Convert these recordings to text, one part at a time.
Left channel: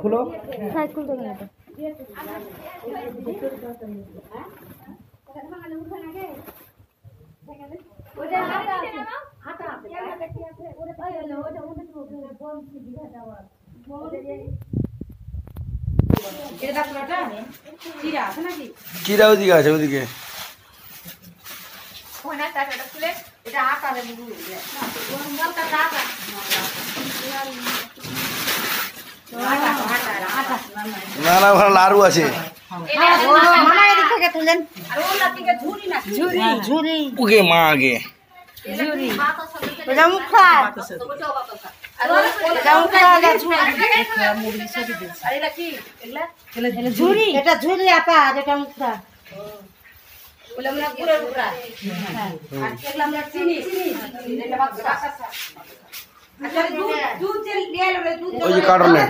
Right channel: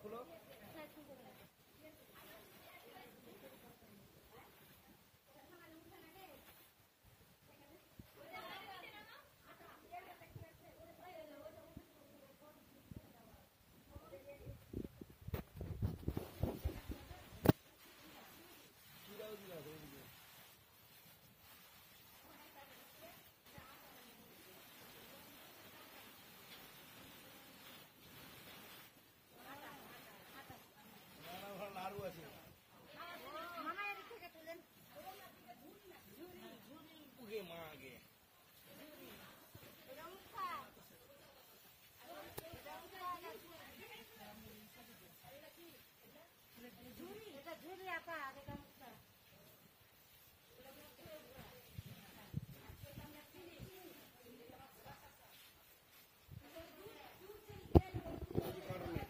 খুলো সাইকেল দেবে না চিরা ওদিকে আছে ওদিকে না না ওখানে লাড়ু আছে ওকে মা আগে ঝুরি এটা ঝুরি আপা যেটা মুখটা ওই যে কার্টনে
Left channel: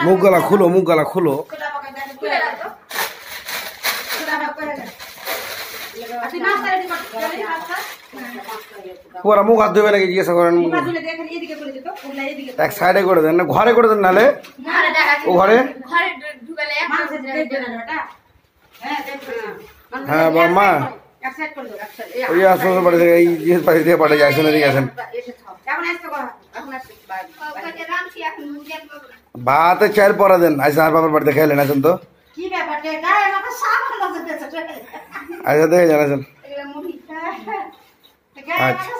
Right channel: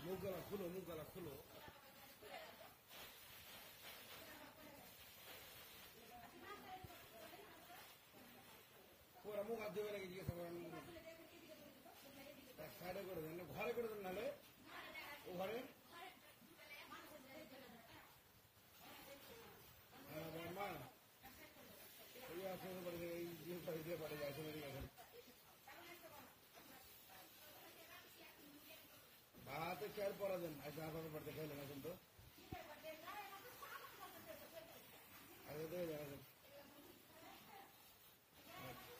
মুখ গলা খুলো মুখ গলা খুলো ওরা মুখ হাত ধুবে নাকি জিজ্ঞাসা করেন এক সাইডে করে দেন না ঘরে করে দেন নাহলে ও ঘরে হ্যাঁ মা ওই শ্বশুর বাড়ি থেকে এই জিনিস বাড়ি থেকে পাঠিয়ে যায় শুনে দিয়ে গেছেন ভাতে চাল পরা দেন আচ্ছা আর বাবার বাড়িতে খেলেন আছেন তো আচ্ছা দেখে জানাছেন আচ্ছা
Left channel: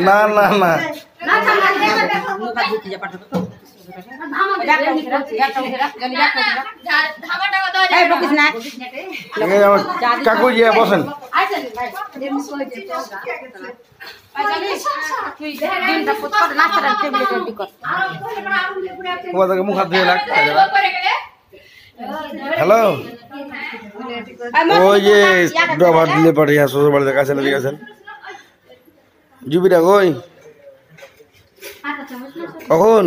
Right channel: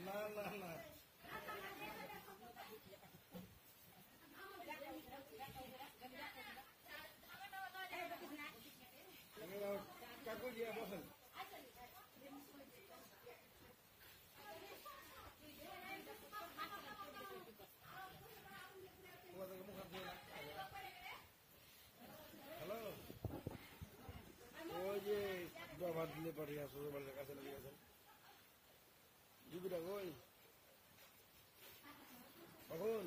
না না না কাকু গিয়ে বসেন মুখ হাত ধুয়ে লাগ হ্যালো ওই যে ডবার দিলে পরে শ্বশুর বাড়িতে কাছে লেগে গেছেন জুবিটা কই কখন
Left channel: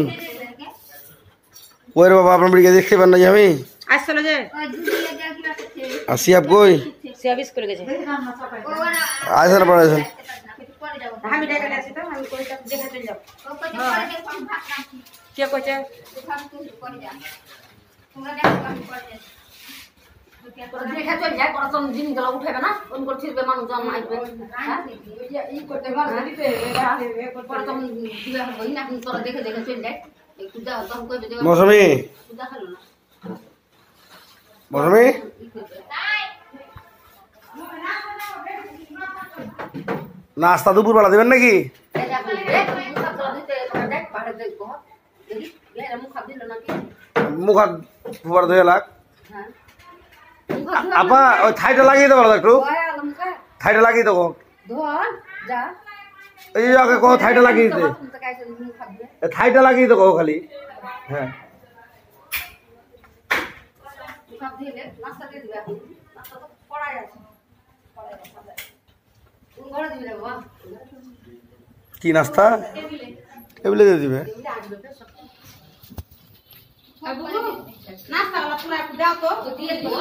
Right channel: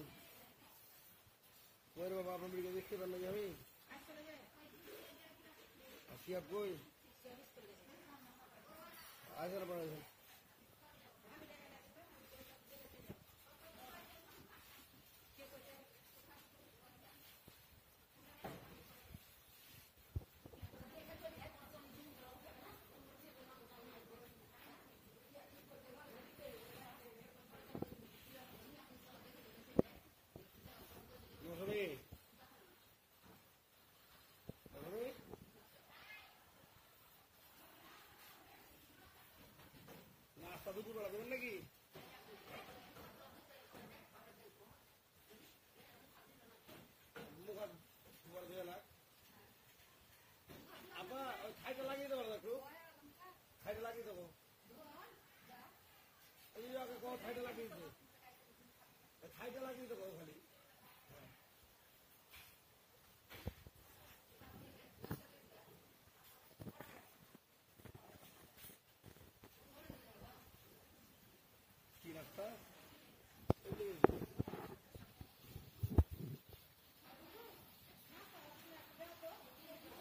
ওই রে বাবা আপনার বাড়িকে দেখতে পান না যে আমি আর সিয়াব কই আসেন পরে আসেন মৌসুমী মৌসুমী নাস্তা দুপুর বেলা দেবেন নাকি মুখ হাত ফুবার ধুয়ে লাগ আপা ওই থাইটা লাগিয়ে দেবো একটু থাইটা লাগিয়ে দেবো এই আগে কো থাইটা লাগিয়ে দিতে থাইটা লাগিয়ে দেবো খালি হ্যাঁ সব দিয়ে দে, নাস্তা দিয়ে দিবে এখন। নাস্তা তো কড়াই আছে। কড়াই আছে, সাদা। কোন ঘরে দিবি রে বাবা? কি নাস্তা টেবিলে। টেবিলে দিয়ে দিবে? টেবিলে আসবে তো সব। আর বুবু, নাস্তাগুলো পুরো একটু দাও তো। দিয়ে দিও।